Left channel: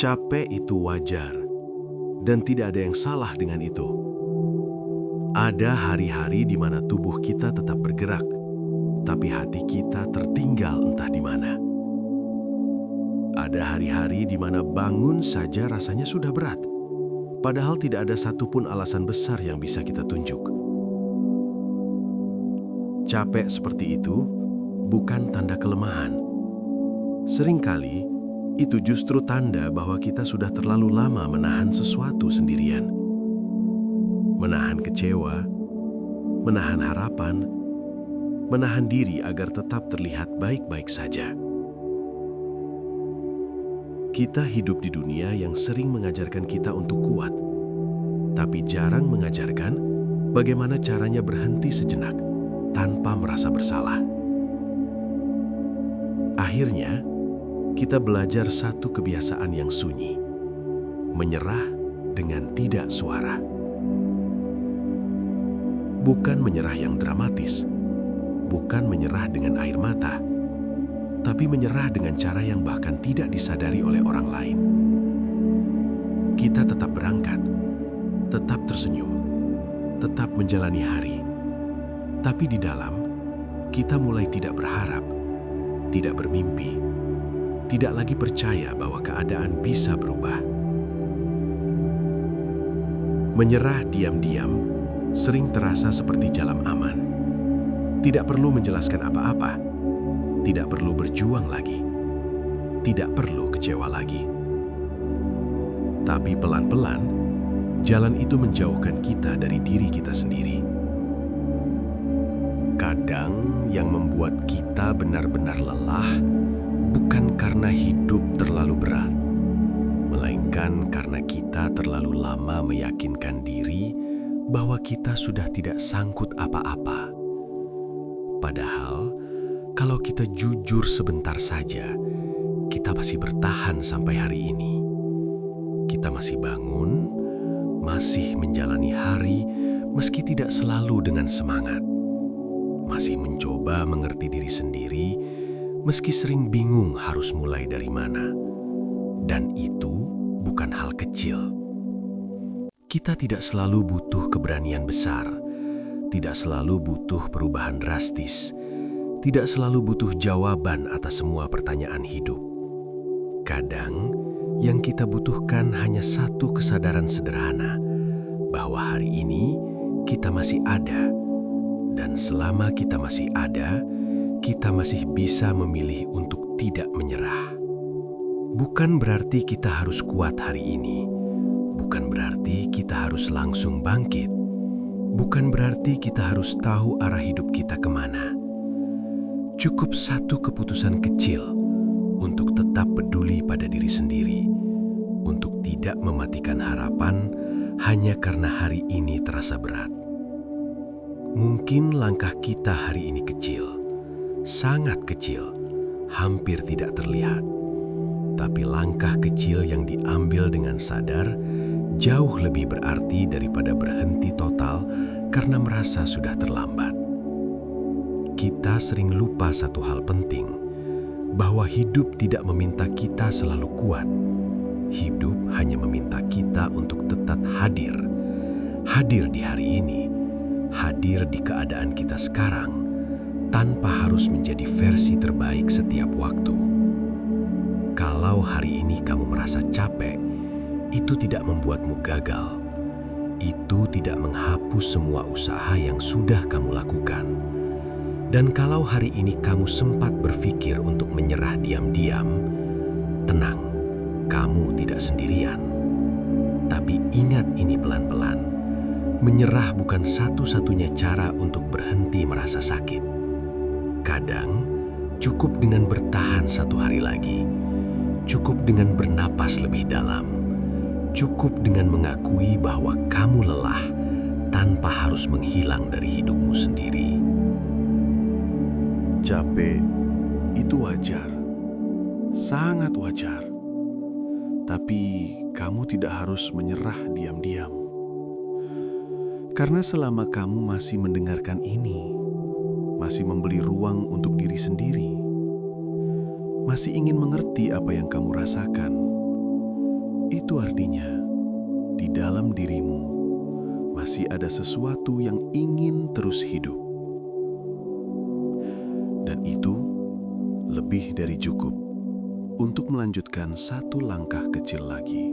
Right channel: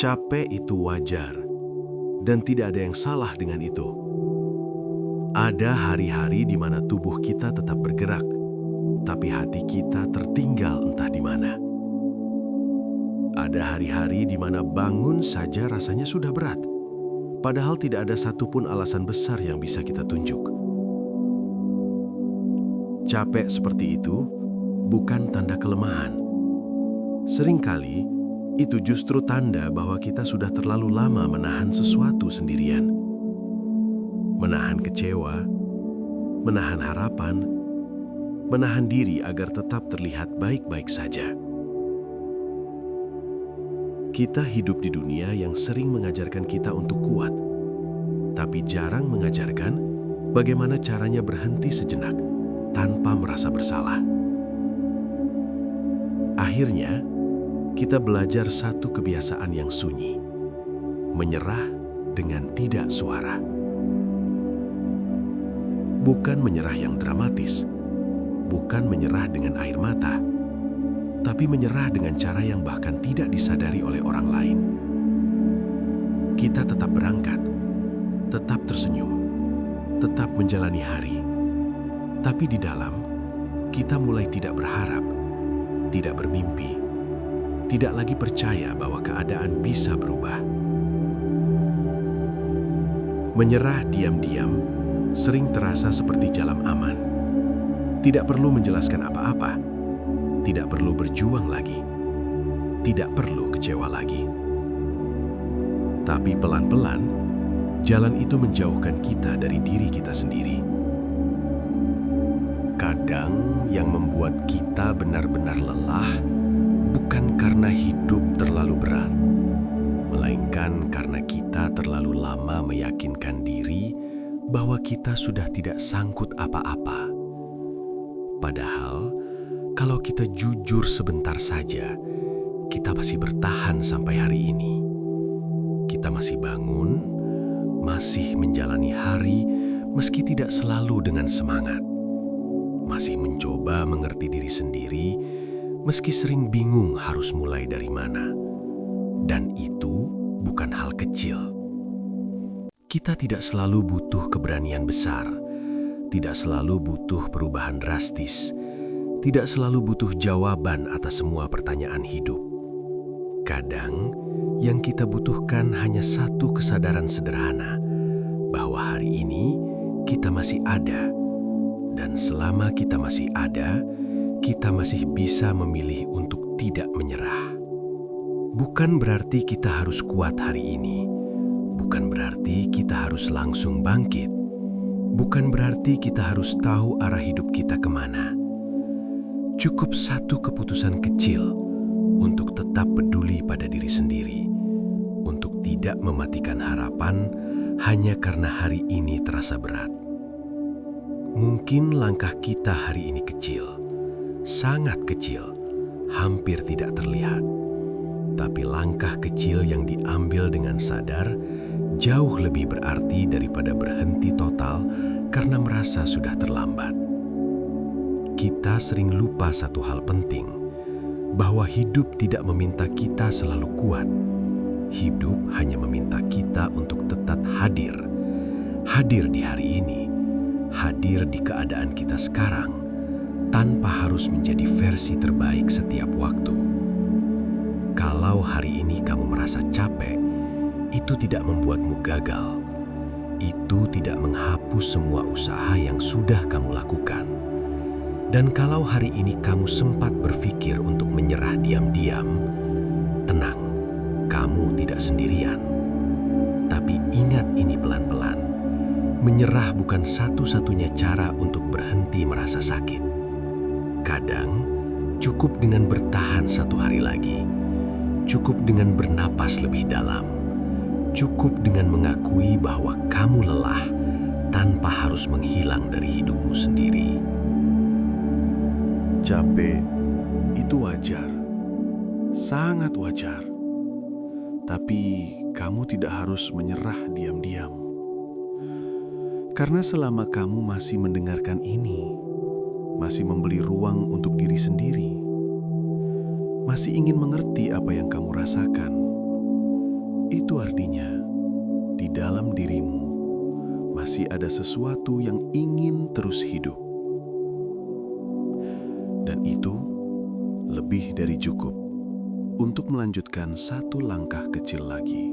Capek itu wajar, dan tidak ada yang salah dengan itu. Ada hari-hari di mana tubuh kita tetap bergerak, tapi hati kita tertinggal entah di mana. Ada hari-hari di mana bangun saja rasanya sudah berat, padahal tidak ada satupun alasan besar yang bisa kita tunjuk. Capek seperti itu bukan tanda kelemahan. Seringkali, itu justru tanda bahwa kita sudah terlalu lama menahan sesuatu sendirian. Menahan kecewa, menahan harapan, menahan diri agar tetap terlihat baik-baik saja. Kita hidup di dunia yang sering mengajarkan kita untuk kuat, tapi jarang mengajarkan bagaimana caranya berhenti sejenak tanpa merasa bersalah. Akhirnya, kita belajar satu kebiasaan yang sunyi, menyerah dengan tidak suara. Bukan menyerah yang dramatis, bukan menyerah dengan air mata, tapi menyerah dengan cara yang bahkan tidak disadari oleh orang lain. Kita tetap berangkat, tetap tersenyum, tetap menjalani hari, tapi di dalam, kita mulai tidak berharap, tidak bermimpi, tidak lagi percaya bahwa keadaan bisa berubah. Menyerah diam-diam sering terasa seperti jalan aman. Tidak perlu menjelaskan apa-apa, tidak perlu berjuang lagi, tidak perlu kecewa lagi. Tapi pelan-pelan, jalan itu menjauhkan kita dari diri kita sendiri. Kadang yang membuat kita benar-benar lelah bukan karena hidup terlalu berat, melainkan karena kita terlalu lama meyakinkan diri bahwa kita sudah tidak sangkut apa-apa. Padahal, kalau kita jujur sebentar saja, kita masih bertahan sampai hari ini. Kita masih bangun, masih menjalani hari meski tidak selalu dengan semangat. Masih mencoba mengerti diri sendiri, meski sering bingung harus mulai dari mana. Dan itu bukan hal kecil. Kita tidak selalu butuh keberanian besar, tidak selalu butuh perubahan drastis, tidak selalu butuh jawaban atas semua pertanyaan hidup. Kadang, yang kita butuhkan hanya satu kesadaran sederhana, bahwa hari ini kita masih ada, dan selama kita masih ada, kita masih bisa memilih untuk tidak menyerah. Bukan berarti kita harus kuat hari ini. Bukan berarti kita harus langsung bangkit. Bukan berarti kita harus tahu arah hidup kita kemana. Cukup satu keputusan kecil untuk tetap peduli pada diri sendiri, untuk tidak mematikan harapan hanya karena hari ini terasa berat. Mungkin langkah kita hari ini kecil, sangat kecil, hampir tidak terlihat. Tapi langkah kecil yang diambil dengan sadar jauh lebih berarti daripada berhenti total karena merasa sudah terlambat. Kita sering lupa satu hal penting, bahwa hidup tidak meminta kita selalu kuat. Hidup hanya meminta kita untuk tetap hadir. Hadir di hari ini, hadir di keadaan kita sekarang, tanpa harus menjadi versi terbaik setiap waktu. Kalau hari ini kamu merasa capek, itu tidak membuatmu gagal. Itu tidak menghapus semua usaha yang sudah kamu lakukan. Dan kalau hari ini kamu sempat berpikir untuk menyerah diam-diam, tenang, kamu tidak sendirian. Tapi ingat ini pelan-pelan, menyerah bukan satu-satunya cara untuk berhenti merasa sakit. Kadang, cukup dengan bertahan satu hari lagi. Cukup dengan bernapas lebih dalam. Cukup dengan mengakui bahwa kamu lelah tanpa harus menghilang dari hidupmu sendiri. Capek itu wajar, sangat wajar. Tapi kamu tidak harus menyerah diam-diam. Karena selama kamu masih mendengarkan ini, masih memberi ruang untuk diri sendiri, masih ingin mengerti apa yang kamu rasakan, Itu artinya di dalam dirimu masih ada sesuatu yang ingin terus hidup. Dan itu lebih dari cukup untuk melanjutkan satu langkah kecil lagi.